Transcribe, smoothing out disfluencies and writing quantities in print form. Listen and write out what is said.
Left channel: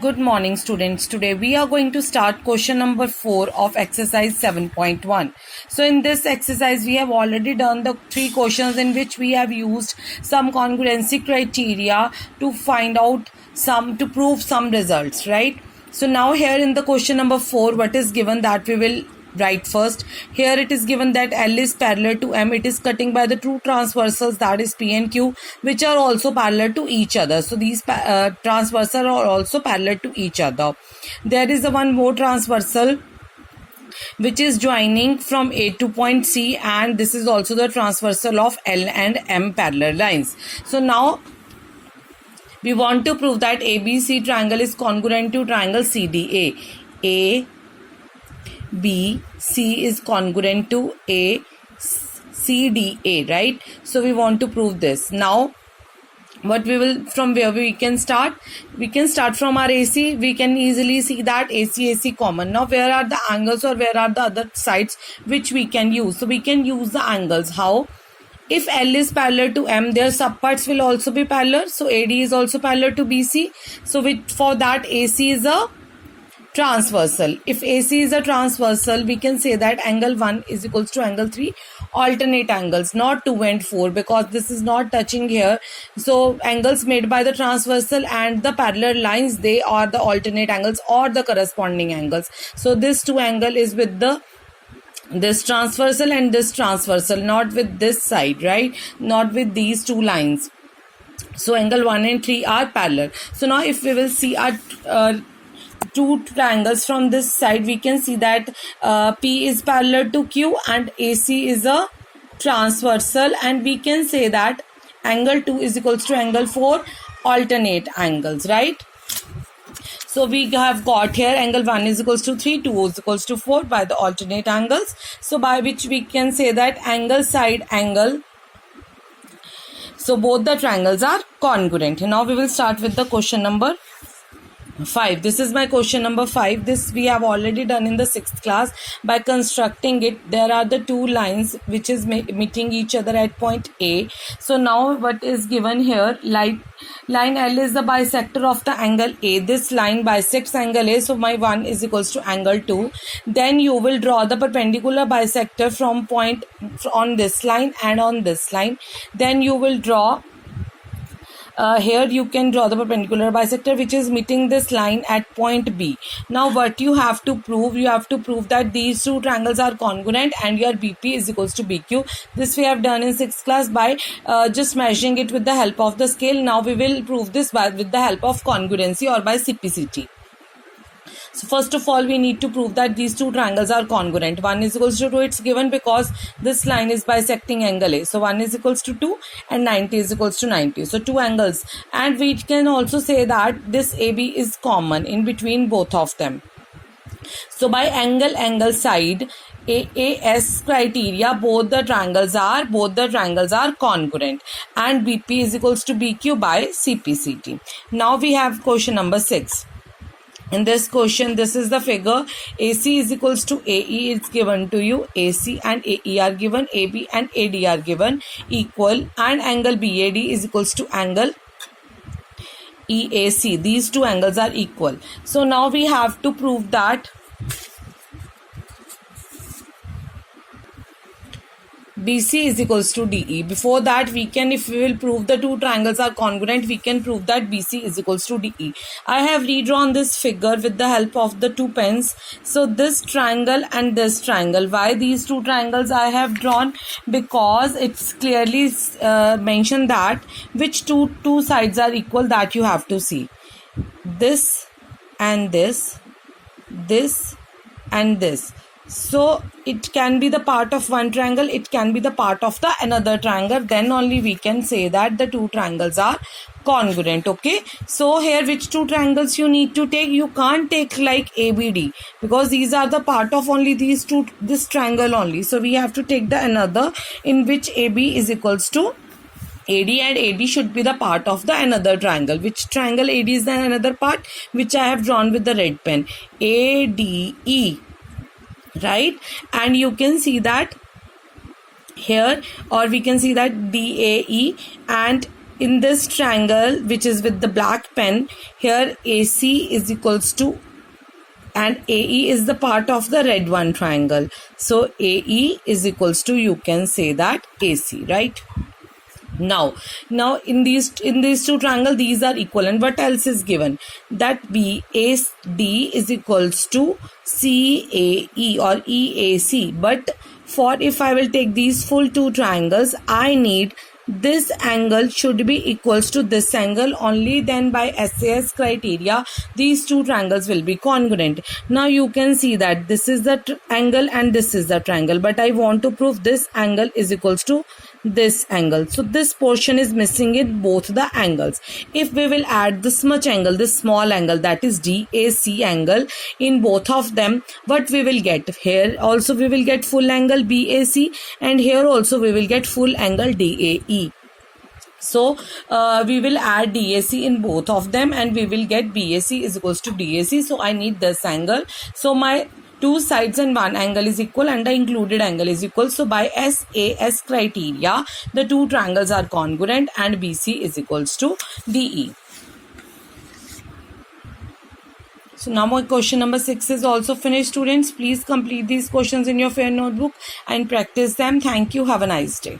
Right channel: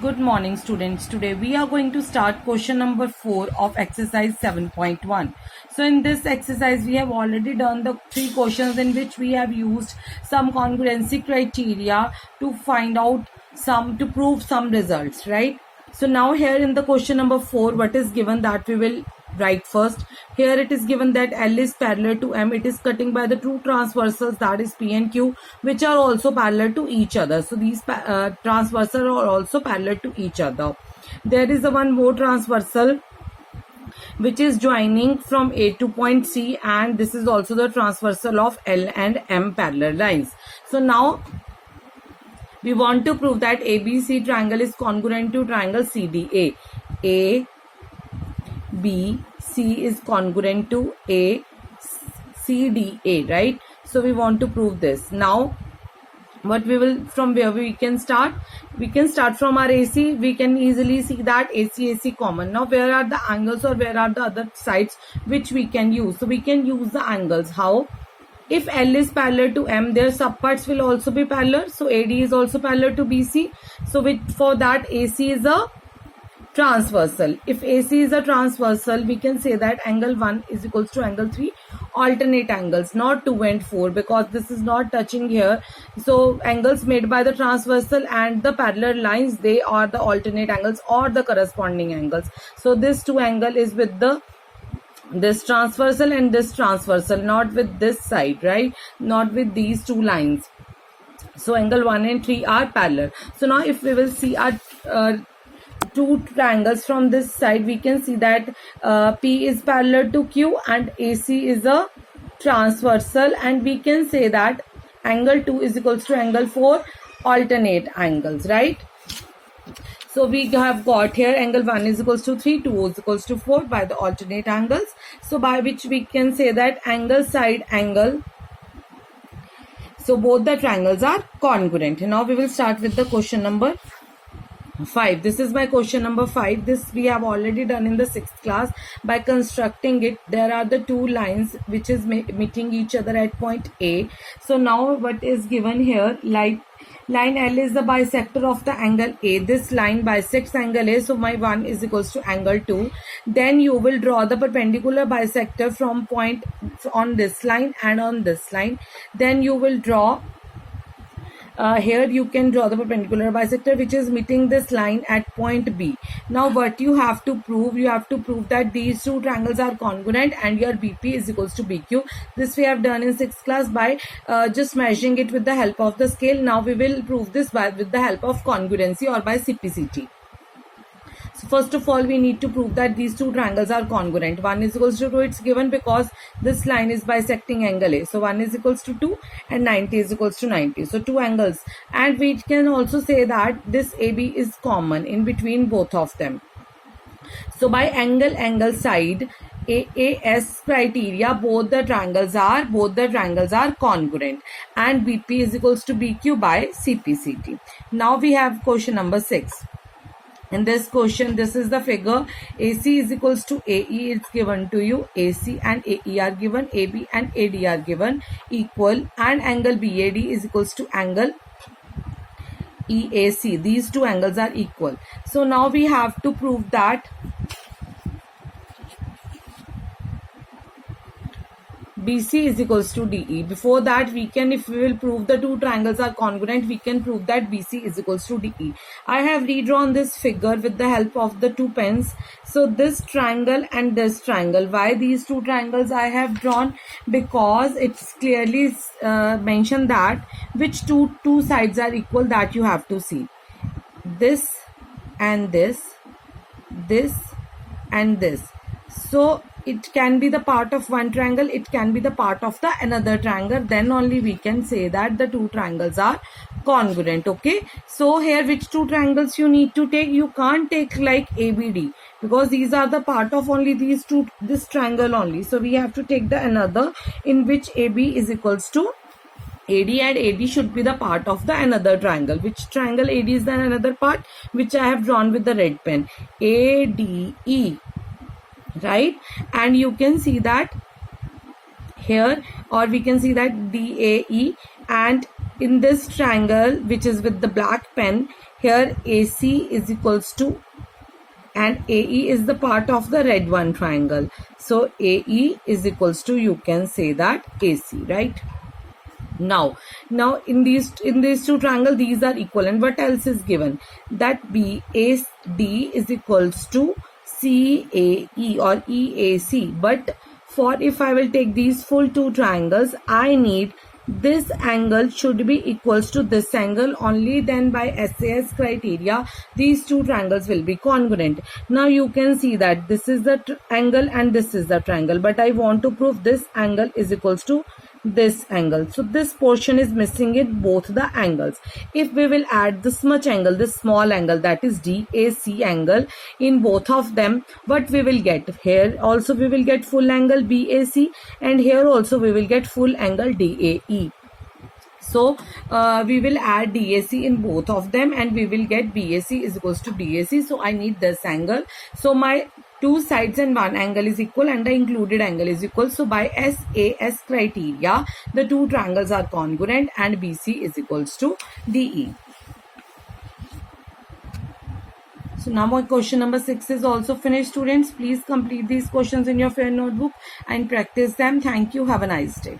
Good morning, students. Today we are going to start question number 4 of exercise 7.1. So in this exercise we have already done the 3 questions in which we have used some congruency criteria to find out to prove some results, right? So now here in the question number 4, what is given that we will write first. Here it is given that L is parallel to M. It is cutting by the two transversals, that is P and Q, which are also parallel to each other. So these transversals are also parallel to each other. There is a one more transversal which is joining from A to point C, and this is also the transversal of L and M parallel lines. So now we want to prove that ABC triangle is congruent to triangle CDA. ABC is congruent to CDA, right? So we want to prove this. Now from where we can start? We can start from our AC. We can easily see that AC common. Now where are the angles or where are the other sides which we can use? So we can use the angles. How? If L is parallel to M, their subparts will also be parallel. So AD is also parallel to BC. So for that AC is a transversal. If AC is a transversal, we can say that angle 1 is equals to angle 3, alternate angles, not 2 and 4, because this is not touching here. So angles made by the transversal and the parallel lines, they are the alternate angles or the corresponding angles. So this 2 angle is with this transversal and this transversal, not with this side, right? Not with these two lines. So angle 1 and 3 are parallel. So now if we will see our two triangles from this side, we can see that P is parallel to Q and AC is a transversal, and we can say that angle 2 is equals to angle 4, alternate angles, right? So we have got here angle 1 is equals to 3, 2 is equals to 4 by the alternate angles. So by which we can say that angle side angle. So both the triangles are congruent. Now we will start with the question number 5. This is my question number 5. This we have already done in the 6th class. By constructing it, there are the two lines which is meeting each other at point A. So now what is given here, line L is the bisector of the angle A. This line bisects angle A, so my 1 is equals to angle 2. Then you will draw the perpendicular bisector from point on this line and on this line. Then you will draw here you can draw the perpendicular bisector which is meeting this line at point B. Now what you have to prove? You have to prove that these two triangles are congruent and your BP is equals to BQ. This we have done in 6th class by just measuring it with the help of the scale. Now we will prove this with the help of congruency or by CPCT. So first of all, we need to prove that these two triangles are congruent. 1 is equals to 2. It's given because this line is bisecting angle A. So 1 is equals to 2 and 90 is equals to 90. So two angles. And we can also say that this AB is common in between both of them. So by angle side AAS criteria, both the triangles are congruent, and BP is equals to BQ by CPCT. Now we have question number 6. In this question, this is the figure. AC is equals to AE. It's given to you. AC and AE are given. AB and AD are given equal. And angle BAD is equals to angle EAC. These two angles are equal. So now we have to prove that BC is equals to DE. Before that, if we will prove the two triangles are congruent, we can prove that BC is equals to DE. I have redrawn this figure with the help of the two pens. So this triangle and this triangle. Why these two triangles I have drawn? Because it's clearly mentioned that which two sides are equal, that you have to see. This and this and this. So it can be the part of one triangle, it can be the part of the another triangle. Then only we can say that the two triangles are congruent. Okay, so here which two triangles you need to take? You can't take like ABD because these are the part of only this triangle only. So we have to take the another in which AB is equals to AD, and AD should be the part of the another triangle. Which triangle AD is the another part? Which I have drawn with the red pen. ADE. Right, and you can see that here, or we can see that DAE and in this triangle which is with the black pen, here AC is equals to, and AE is the part of the red one triangle. So AE is equals to, you can say that AC, right? Now in these two triangles, these are equal, and what else is given? That BAD is equals to CAE or EAC. But for if I will take these full two triangles, I need this angle should be equals to this angle. Only then by SAS criteria these two triangles will be congruent. Now you can see that this is the angle and this is the triangle, but I want to prove this angle is equals to this angle. So this portion is missing in both the angles. If we will add this much angle, this small angle, that is DAC angle, in both of them, what we will get? Here also we will get full angle BAC, and here also we will get full angle DAE. So we will add DAC in both of them, and we will get BAC is equals to DAC. So I need this angle. So my two sides and one angle is equal, and the included angle is equal. So by SAS criteria, the two triangles are congruent, and BC is equals to DE. So now my question number 6 is also finished, students. Please complete these questions in your fair notebook and practice them. Thank you. Have a nice day.